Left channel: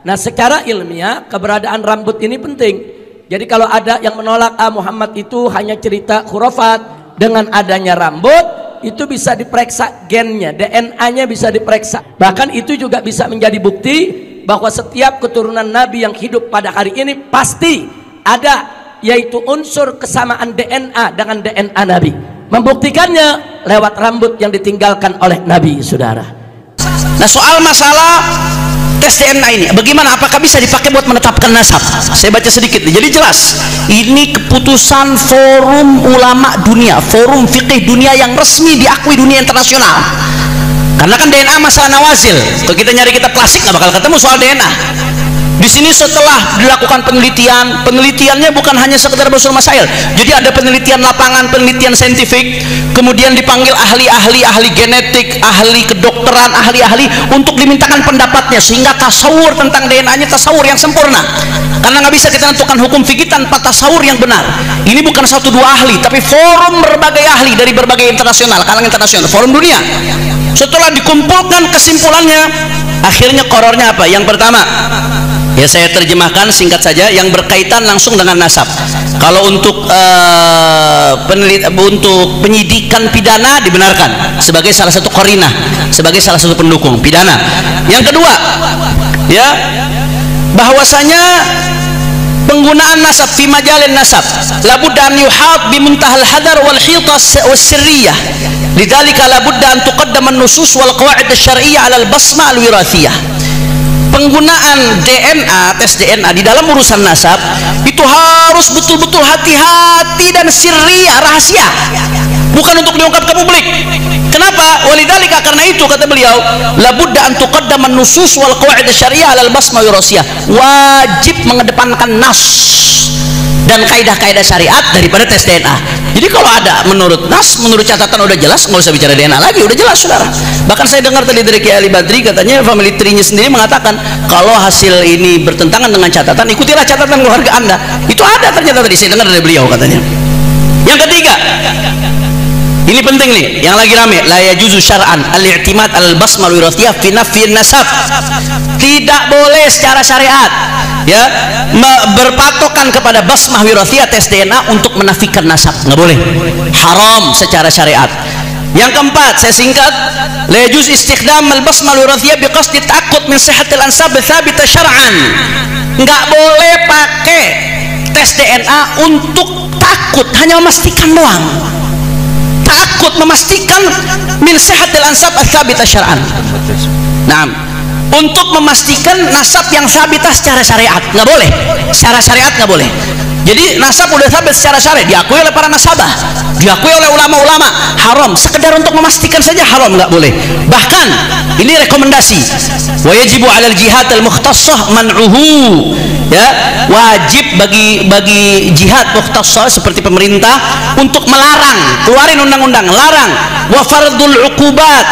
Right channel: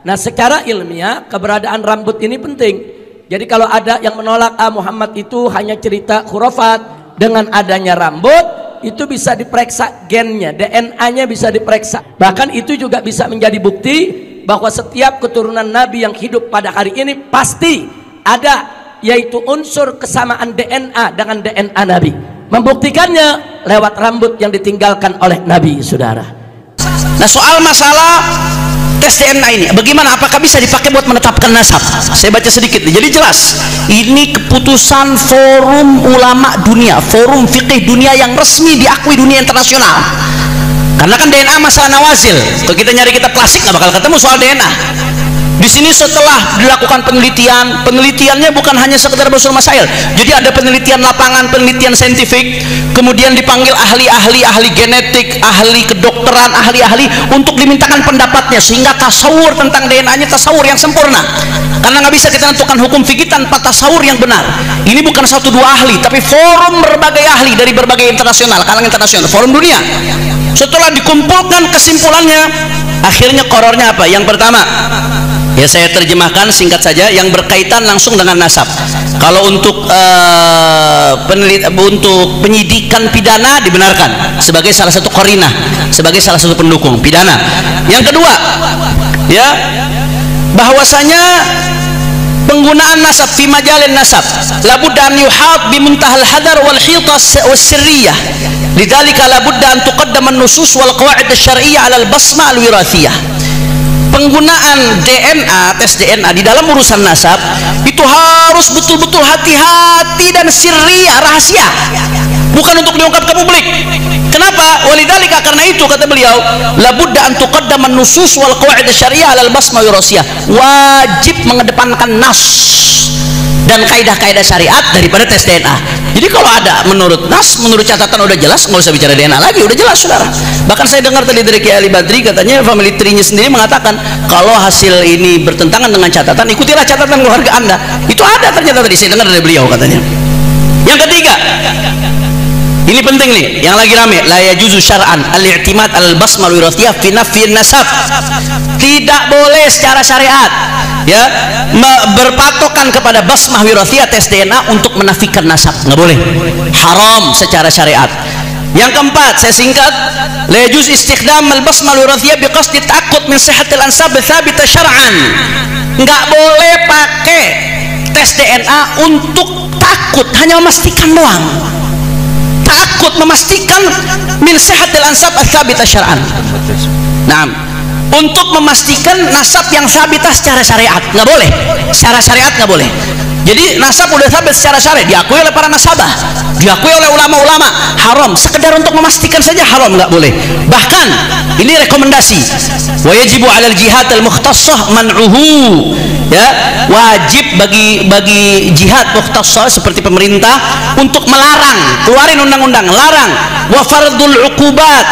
Nah, secara ilmiah keberadaan rambut ini penting. Jadi kalau ada yang menolak Muhammad itu hanya cerita khurafat, dengan adanya rambut itu bisa diperiksa gennya, DNA-nya bisa diperiksa. Bahkan itu juga bisa menjadi bukti bahwa setiap keturunan Nabi yang hidup pada hari ini pasti ada, yaitu unsur kesamaan DNA dengan DNA Nabi. Membuktikannya lewat rambut yang ditinggalkan oleh Nabi, saudara. Nah, soal masalah tes DNA ini bagaimana, apakah bisa dipakai buat menetapkan nasab? Saya baca sedikit nih. Jadi jelas ini keputusan forum ulama dunia, forum fikih dunia yang resmi diakui dunia internasional. Karena kan DNA masalah nawazil, kalau kita nyari kitab klasik nggak bakal ketemu soal DNA. Di sini setelah dilakukan penelitian, penelitiannya bukan hanya sekedar usul masail. Jadi ada penelitian lapangan, penelitian saintifik, kemudian dipanggil ahli-ahli, ahli genetik, ahli kedokteran, ahli-ahli untuk dimintakan pendapatnya, sehingga tasawur tentang DNA-nya tasawur yang sempurna. Karena nggak bisa kita tentukan hukum fikih tanpa tasawur yang benar. Ini bukan satu dua ahli, tapi forum berbagai ahli dari berbagai internasional, kalangan internasional, forum dunia. Setelah dikumpulkan kesimpulannya, akhirnya korornya apa? Yang pertama, ya saya terjemahkan singkat saja, yang berkaitan langsung dengan nasab. Kalau untuk untuk penyidikan pidana dibenarkan sebagai salah satu qarinah, sebagai salah satu pendukung pidana. Yang kedua, ya, bahwasanya penggunaan nasab fi majalin nasab labudda an yuhat bi muntahal hadar wal hitas was sirriyah. Lidzalika labudda an tuqaddam an-nusus wal qawaid asy-syar'iyyah 'ala al-basma al-wirathiyah. Penggunaan DNA, tes DNA di dalam urusan nasab itu harus betul-betul hati-hati dan sirriyah, rahasia, bukan untuk diungkap ke publik. Kenapa? Walidzalika, karena itu kata beliau, labudda an tuqaddam an-nusus wal qawaid asy-syar'iyyah 'ala al-basma al-wirathiyah. Wajib mengedepankan nas dan kaidah-kaidah syariat daripada tes DNA. Jadi kalau ada menurut nas, menurut catatan udah jelas, nggak usah bicara DNA lagi, udah jelas, saudara. Bahkan saya dengar tadi dari Kiai Ali Badri, katanya family tree-nya sendiri mengatakan kalau hasil ini bertentangan dengan catatan, ikutilah catatan keluarga Anda. Itu ada ternyata tadi saya dengar dari beliau, katanya. Yang ketiga, ini penting nih, yang lagi rame, la yajuzu syar'an al-i'timad al-basma al-wirathiyah fi nafyi nasab. Tidak boleh secara syariat, ya, berpatokan kepada basmah wirathiyah, tes DNA untuk menafikan nasab, nggak boleh, haram secara syariat. Yang keempat, saya singkat, la yajuz istikhdam al-basmah al-wirathiyah biqasdi ta'aqqud min sihhatil ansab tsabita syar'an. Nggak boleh pakai tes DNA untuk takut, hanya memastikan doang. Takut memastikan min sihhatil ansab tsabita syar'an. Nah, untuk memastikan nasab yang sabitah secara syariat, nggak boleh, secara syariat nggak boleh. Jadi nasab udah sabit secara syariat, diakui oleh para nasabah, diakui oleh ulama-ulama, haram. Sekedar untuk memastikan saja haram, nggak boleh. Bahkan ini rekomendasi, wa yajibu 'alal jihad al-mukhtassah man'uhu, ya, wajib bagi jihad mukhtassah seperti pemerintah untuk melarang, keluarin undang-undang larang, wa fardul uqubat,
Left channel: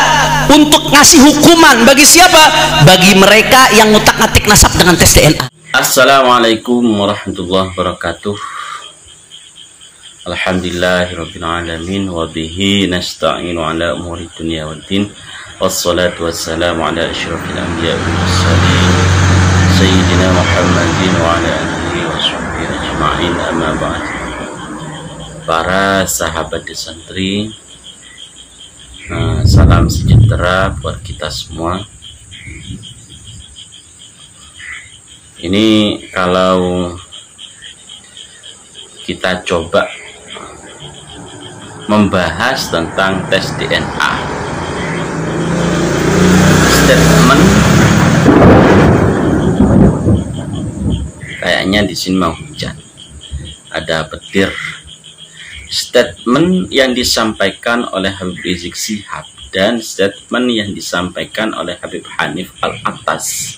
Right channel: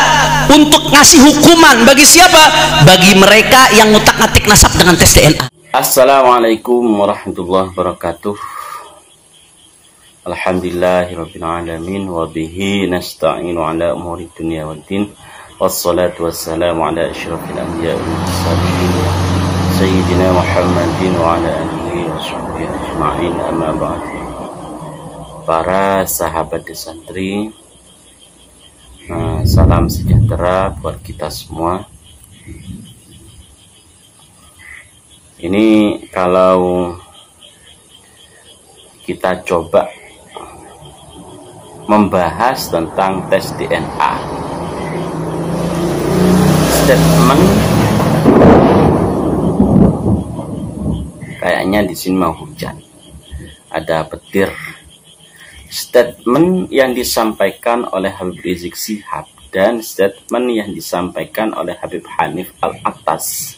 untuk ngasih hukuman bagi siapa? Bagi mereka yang ngutak-ngatik nasab dengan tes DNA. Assalamualaikum warahmatullahi wabarakatuh. Alhamdulillahirabbil alamin wa bihi nasta'inu ala umuri dunya waddin. Wassalatu wassalamu ala asyrafil anbiya'i wal mursalin sayyidina Muhammadin wa ala alihi washabbihi ajma'in, amma ba'd. Para sahabat santri, salam sejahtera buat kita semua. Ini kalau kita coba membahas tentang tes DNA, statement kayaknya di sini mau hujan, ada petir. Statement yang disampaikan oleh Habib Rizik Syihab dan statement yang disampaikan oleh Habib Hanif Al-Attas.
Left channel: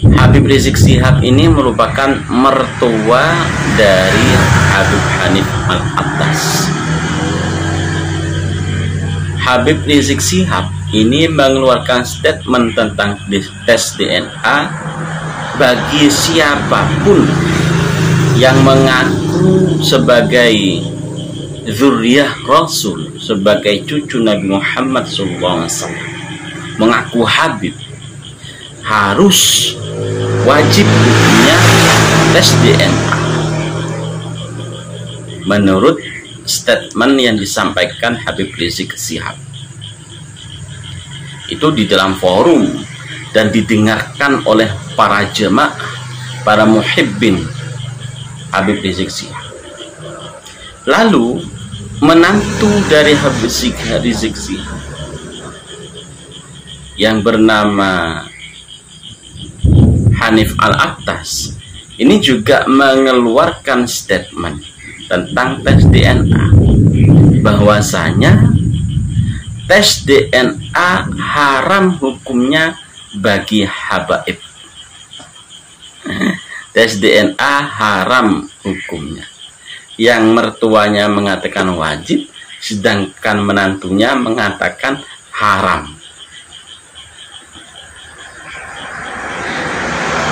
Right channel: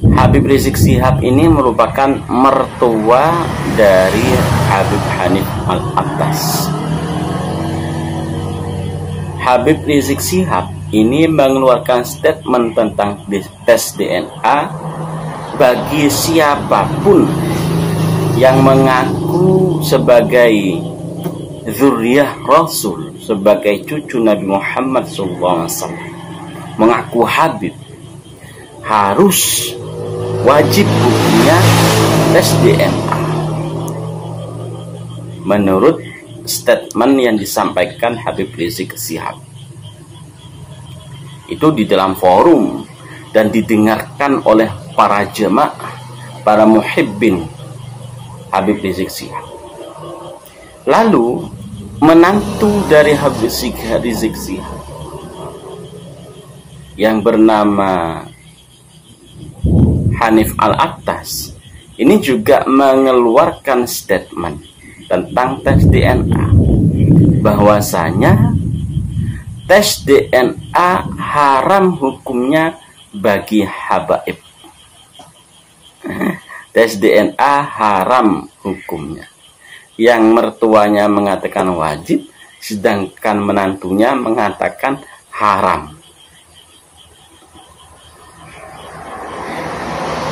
Habib Rizik Syihab ini merupakan mertua dari Habib Hanif Al-Attas. Habib Rizik Syihab ini mengeluarkan statement tentang tes DNA bagi siapapun yang mengaku sebagai zuriyah Rasul, sebagai cucu Nabi Muhammad SAW, mengaku Habib. harus wajib hukumnya tes DNA menurut statement yang disampaikan Habib Rizik Syihab. Itu di dalam forum dan didengarkan oleh para jemaah, para muhibbin Habib Rizik Syihab. Lalu menantu dari Habib Rizik Syihab yang bernama Hanif Al-Attas ini juga mengeluarkan statement tentang tes DNA, bahwasanya tes DNA haram hukumnya bagi habaib. Tes DNA haram hukumnya. Yang mertuanya mengatakan wajib, sedangkan menantunya mengatakan haram.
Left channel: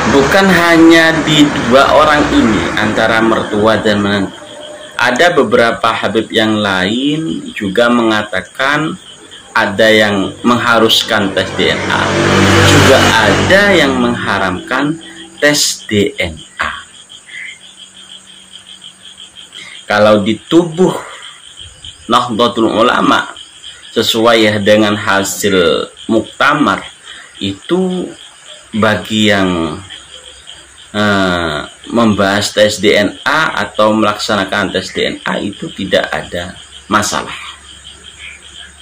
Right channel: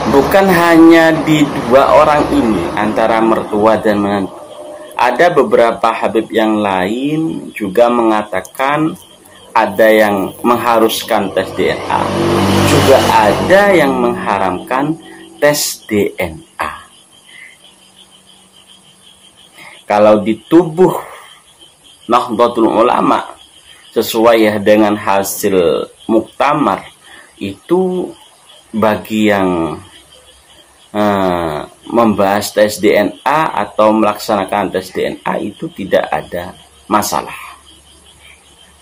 Bukan hanya di dua orang ini, antara mertua dan menantu. Ada beberapa habib yang lain juga mengatakan ada yang mengharuskan tes DNA, juga ada yang mengharamkan tes DNA. Kalau di tubuh Nahdlatul Ulama sesuai dengan hasil muktamar, itu bagi yang membahas tes DNA atau melaksanakan tes DNA itu tidak ada masalah.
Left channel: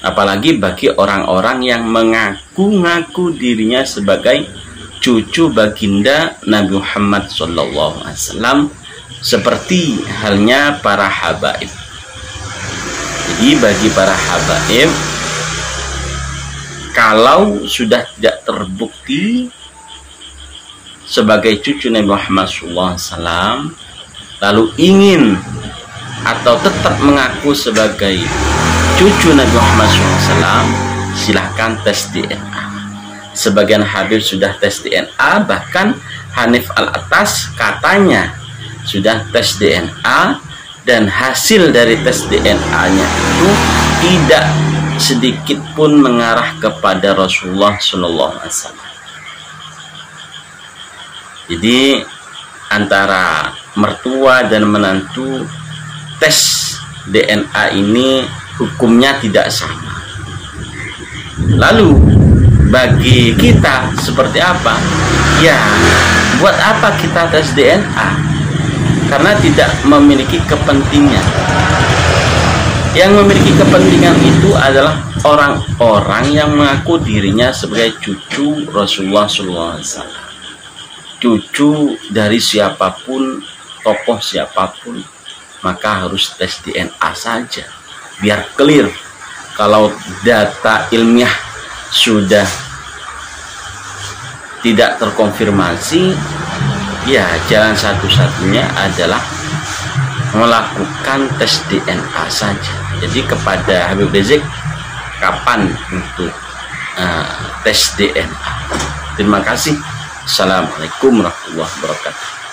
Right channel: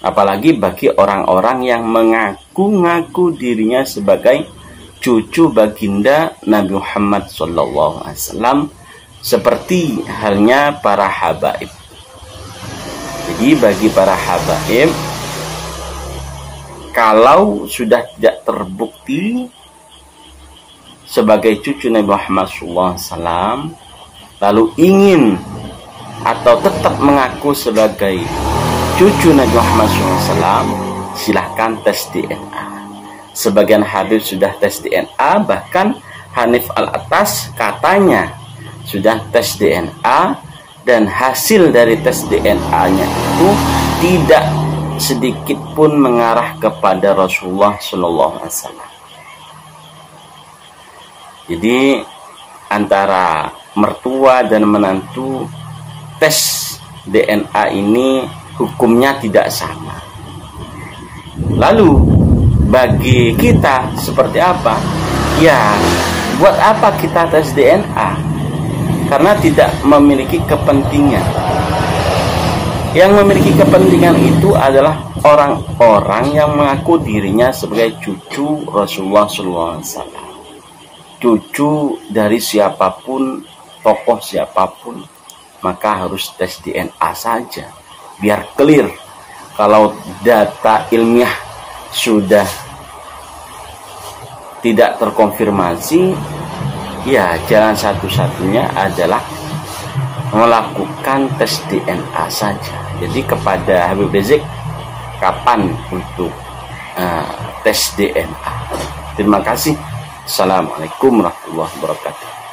Apalagi bagi orang-orang yang mengaku-ngaku dirinya sebagai cucu baginda Nabi Muhammad SAW, seperti halnya para habaib. Jadi bagi para habaib, kalau sudah tidak terbukti sebagai cucu Nabi Muhammad SAW, lalu ingin atau tetap mengaku sebagai cucu Nabi Muhammad SAW, silahkan tes DNA. Sebagian habib sudah tes DNA, bahkan Hanif Al-Attas katanya sudah tes DNA, dan hasil dari tes DNA-nya itu tidak sedikit pun mengarah kepada Rasulullah SAW. Jadi antara mertua dan menantu, tes DNA ini hukumnya tidak sama. Lalu bagi kita seperti apa? Ya, buat apa kita tes DNA? Karena tidak memiliki kepentingan. Yang memiliki kepentingan itu adalah orang-orang yang mengaku dirinya sebagai cucu Rasulullah SAW. Cucu dari siapapun, tokoh siapapun, maka harus tes DNA saja biar clear. Kalau data ilmiah sudah tidak terkonfirmasi, ya jalan satu-satunya adalah melakukan tes DNA saja. Jadi kepada Habib Rizik, kapan untuk tes DNA? Terima kasih. Assalamualaikum warahmatullahi wabarakatuh.